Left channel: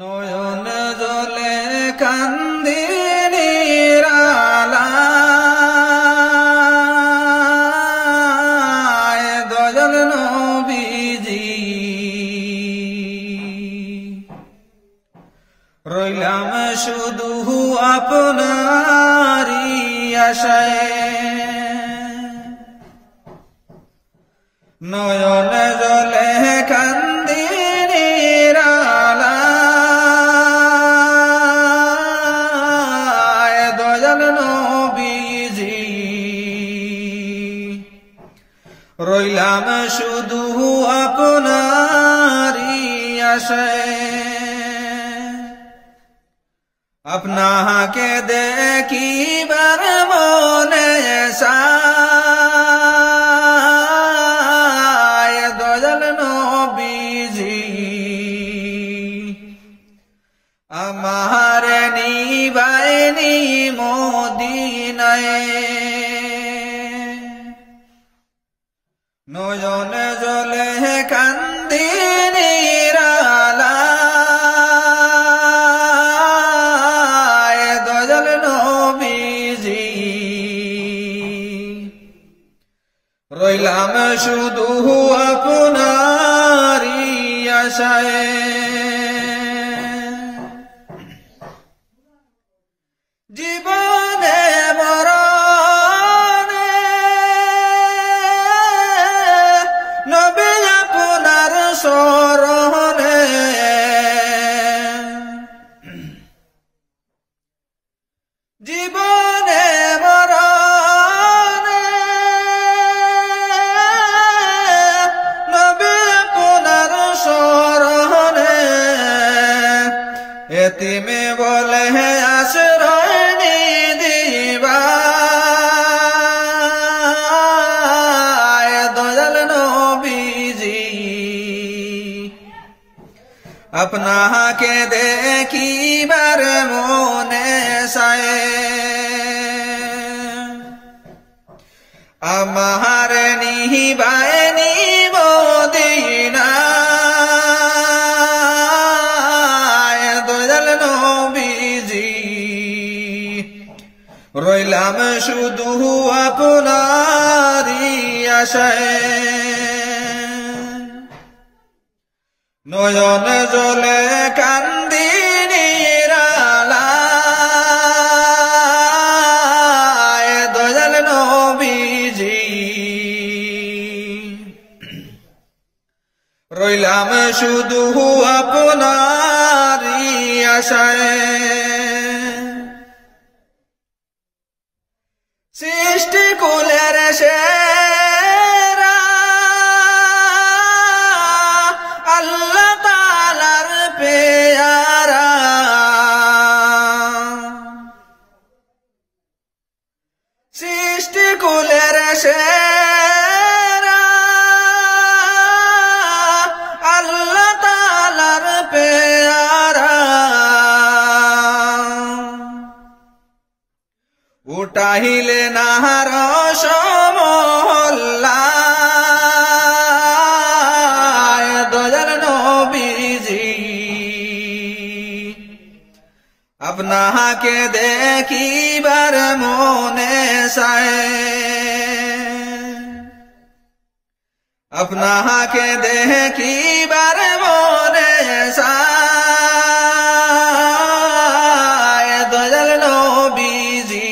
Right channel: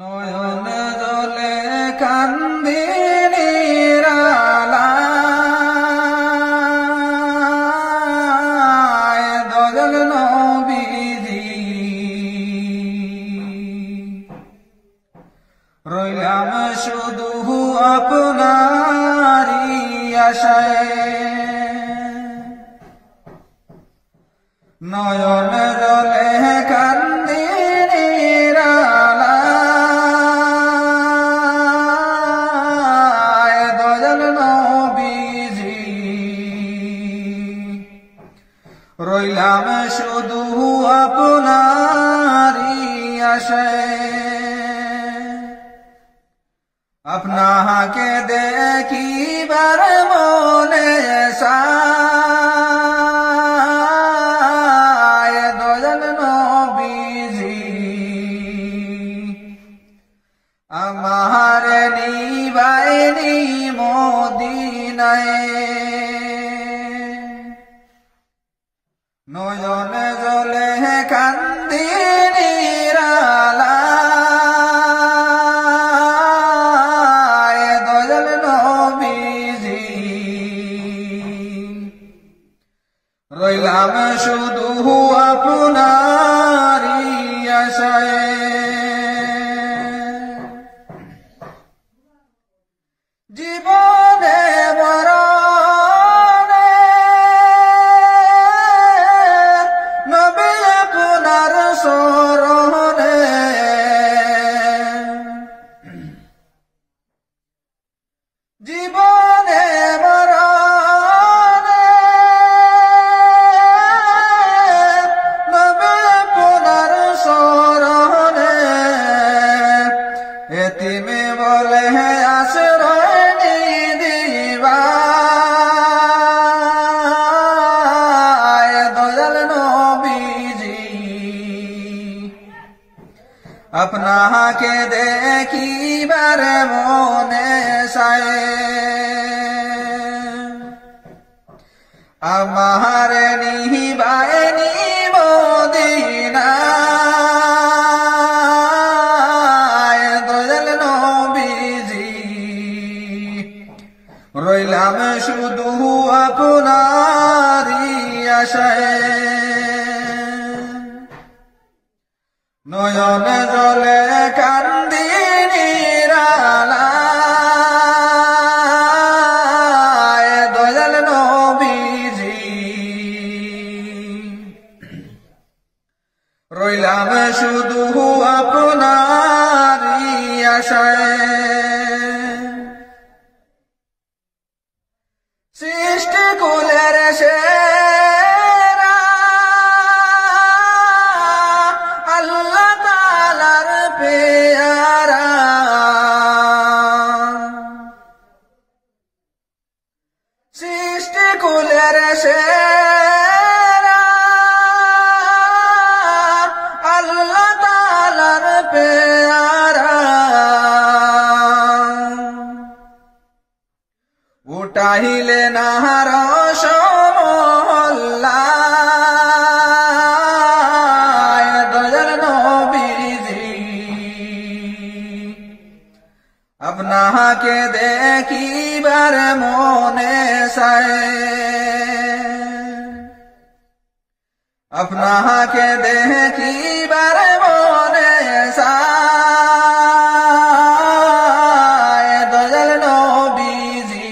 নয়ন জলে কান্দি নিরালায় দয়াল নবীজি রইলাম শুধু আপনারই আশায়। নয়ন জলে কান্দি নিরালায় দয়াল নবীজি রইলাম শুধু আপনারই আশায়। আপনাকে দেখিবার মনে চায় দয়াল নবীজি আমার নিবাইনি মদিনায়। নয়ন জলে কান্দি নিরালায় দয়াল নবীজি রইলাম শুধু আপনারই আশায়। জীবনে মরণে নবী আপনার শরণে জীবনে মরণে নবী আপনার শরণে এতিমে বলে আশ্রয় দিবা দয়াল নবীজি আপনাকে দেখিবার মনে চায়। আমার নিবাইনি মদিনায় দয়াল নবীজি রইলাম শুধু আপনারই আশায়। নয়ন জলে কান্দি নিরালায় দয়াল নবীজি রইলাম শুধু আপনারই আশায়। সৃষ্টি কুলের সেরা আল্লাহ তাআলার পেয়ারা সৃষ্টি কুলের সেরা আল্লাহ তাআলার পেয়ারা উঠাইলে নাহার সমহল্লায় দয়াল নবীজি আপনাকে দেখিবার মনে চায়। আপনাকে দেখিবার মনে চায় দয়াল নবীজি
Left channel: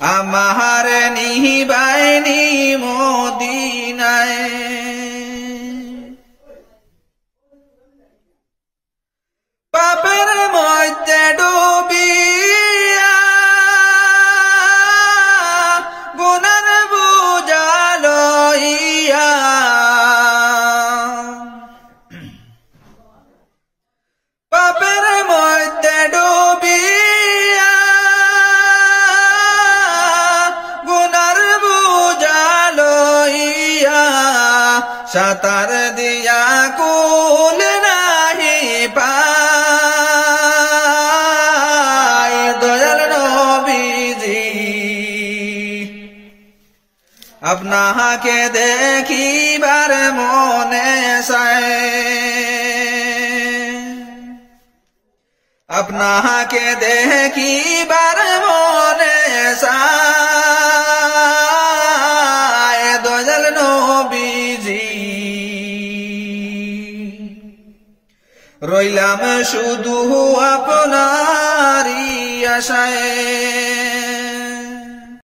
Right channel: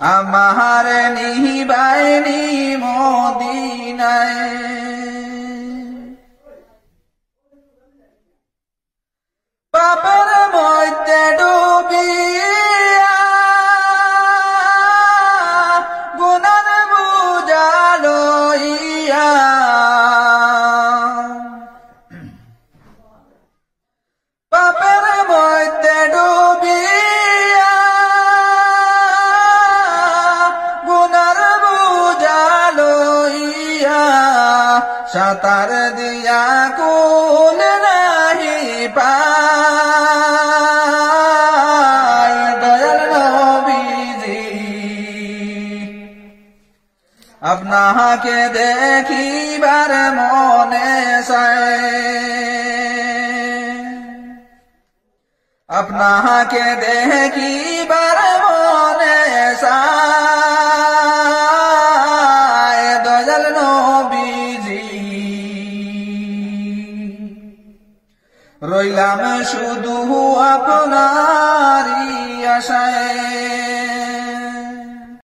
আমার নিবাইনি মদিনায়। পাপের মধ্যে ডুবিয়া গুনার বোঝা লইয়া পাপের মধ্যে ডুবিয়া গুনার বোঝা লইয়া সাঁতার দিয়া কুল নাহি পায় দয়াল নবীজি আপনাকে দেখিবার মনে চায়। আপনাকে দেখিবার মনে চায় দয়াল নবীজি রইলাম শুধু আপনারই আশায়